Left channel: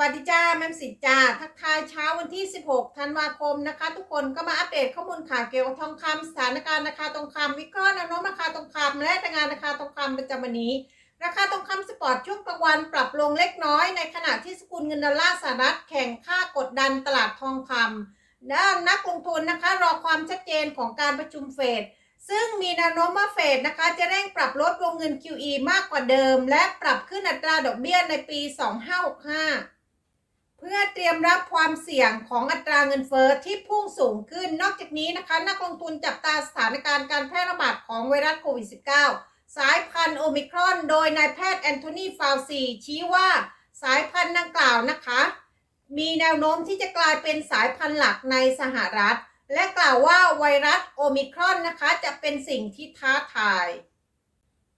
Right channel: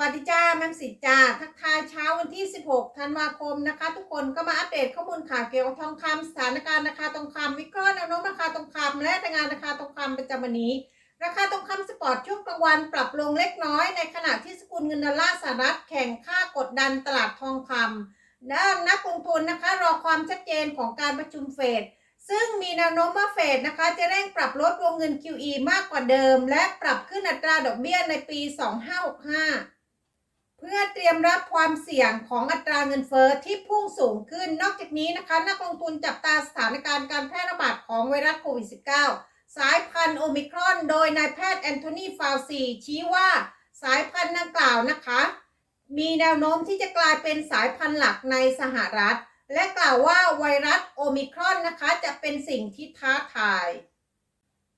วัสดีจ้าแม่มสิจ้าทักทายเช้าวันที่ 16 ธันวาคมนะคะ ทุกคนก็มาอัปเดตข้อมูลข่าวเกี่ยวกับทองคำสถานการณ์ราคาทองคำวิเคราะห์แนวโน้มราคาทองคำและรายงานราคาทองคำประจำวันนี้ ราคาทองคำสปอร์ตช่วงกลางวันปรับลงเล็กน้อยในขณะที่สกุลเงินดอลลาร์สหรัฐแข่งค่ากดดันตลาดทองคำด้านนักลงทุนนะคะรอความชัดเจนของการประชุมเฟดซึ่งมีแนวโน้มว่าเฟดนะคะ จะเร่งปรับลดวงเงิน QE มากกว่าเดิม และปรับขึ้นอัตราดอกเบี้ยในปี 2565 พื่อเตรียมรับความเสี่ยงของอัตราเงินเฟอ้อที่พุ่งสูงขึ้น นอกจากนี้นะคะนักลงทุนจับตาสถานการณ์การแพร่ระบาดของไวรัสโควิด -19 สายพันธุ์โอมิครอน โดยนายแพทย์แอนโทนีฟาวซีชี้ว่าสายพันธุ์ดังกล่าวนะคะ มีแนวโน้มที่จะกลายเป็นสายพันธุ์หลักในสหรัฐ และกล่าวว่าไวรัสโอมิครอนนะคะจะเป็นสิ่งที่ท้าทาย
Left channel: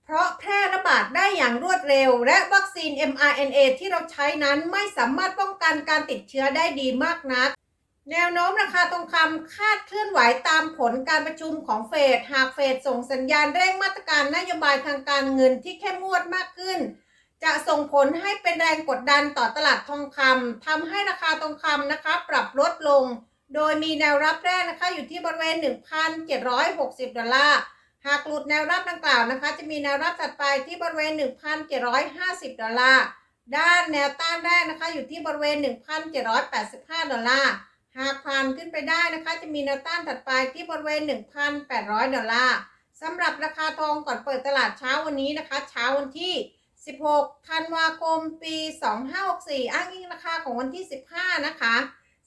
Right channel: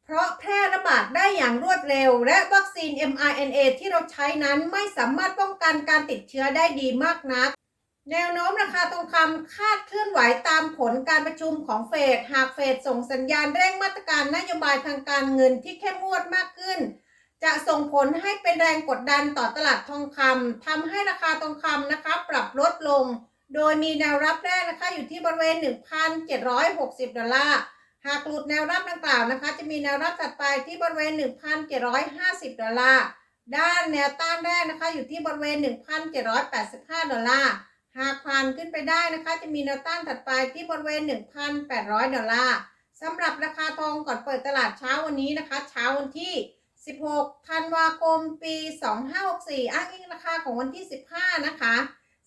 เพราะแพร่ระบาด อย่างรวดเร็ว และวัคซีน mRNA ที่เราใช้นั้นไม่สามารถป้องกันการติดเชื้อได้ดีมากนัก แนวโน้มราคาทองคำคาดเคลื่อนไหวตามผลการประชุมของเฟด หากเฟดส่งสัญญาณเร่งมาตรการนโยบายทางการเงินที่เข้มงวดมากขึ้น จะส่งผลให้เป็นแรงกดดันต่อตลาดทองคำทำให้ราคาทองคำนะคะปรับลดลง โดยมีแนวรับแรกนะคะอยู่ที่บริเวณ 1,760 ดอลลาร์ หากหลุดแนวรับดังกล่าวนะคะ จะมีแนวรับถัดไปที่บริเวณ 1,750 ดอลลาร์ด้านแนวต้านแรกนะคะ อยู่ที่บริเวณ 1,785 ดอลลาร์หากผ่านขึ้นไปได้นะคะ จะมีแนวต้านถัดไปที่บริเวณ 1,800 ดอลลาร์สำหรับราคาทองก่อนเปิดตลาดเช้าวันนี้นะคะ เช้าวันที่ 16 ธันวาคม ปี 2564 อ้างอิงราคาของวันที่ 15 นะคะ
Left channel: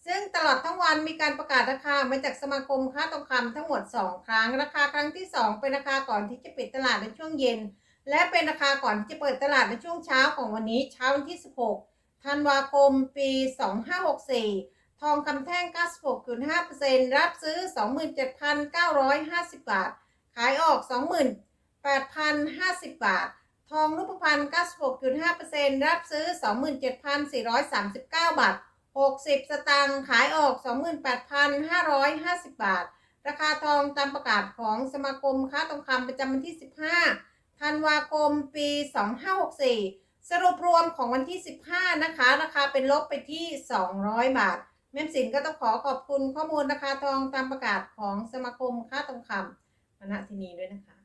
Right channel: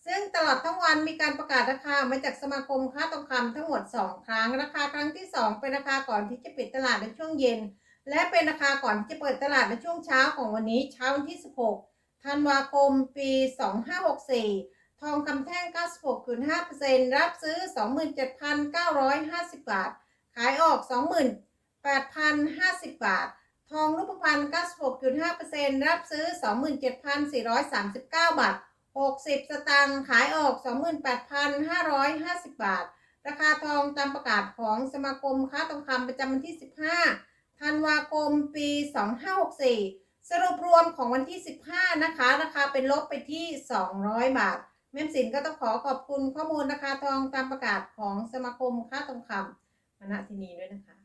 ซึ่งตลอดทั้งวันมีการประกาศราคามาจากสมาคมค้าทองคำทั้งหมด 2 ครั้ง ราคาครั้งที่ 2 เป็นราคาก่อนที่จะปิดตลาดในช่วงเย็น และเป็นราคาก่อนที่จะเปิดตลาดในช่วงเช้าของวันนี้เช้าวันที่ 16 ธันวาคม ปี 2564 ทองคำแท่ง 96.5%รับซื้อ 27,950 บาท ขายออก 28,050 บาท ทองรูปพรรณ96.5%รับซื้อ 27,439 บาท 60 สตางค์ขายออก 28,550 บาท ราคาทองตามประกาศของสมาคมค้าทองคำประจำวันที่ 15 ธันวาคม ปี 2564 สรุปรวมของวันที่ 15 นะคะ ราคาเป็นลบไปที่ 200 บาท แม่สินก็ต้องขอขอบคุณข้อมูลราคาทองตามประกาศของสมาคมค้าทองคำมาณที่นี้ด้วยนะคะ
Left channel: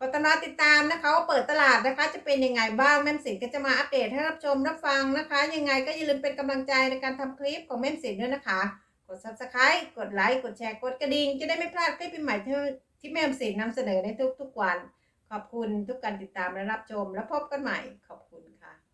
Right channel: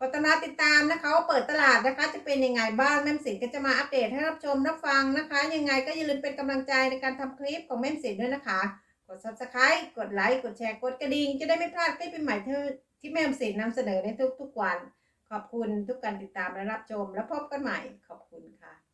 ก็ตามมาติดตามนะคะว่าเปิดตลาดนะคะ จะเป็นยังไงบ้างแม่มสินก็จะมาอัปเดตให้รับชมรับฟังนะคะ ยังไงก็อย่าลืมเป็นกำลังใจในการทำคลิปของแม่มสินด้วยนะคะ กด subscribe กดไลค์กดแชร์กดกระดิ่งจะได้ไม่พลาดคลิปใหม่ที่ที่แม่มสินนำเสนอในทุกๆวัน ขอบคุณทุกการติดตามและรับชม แล้วพบกันใหม่ขอบคุณค่ะ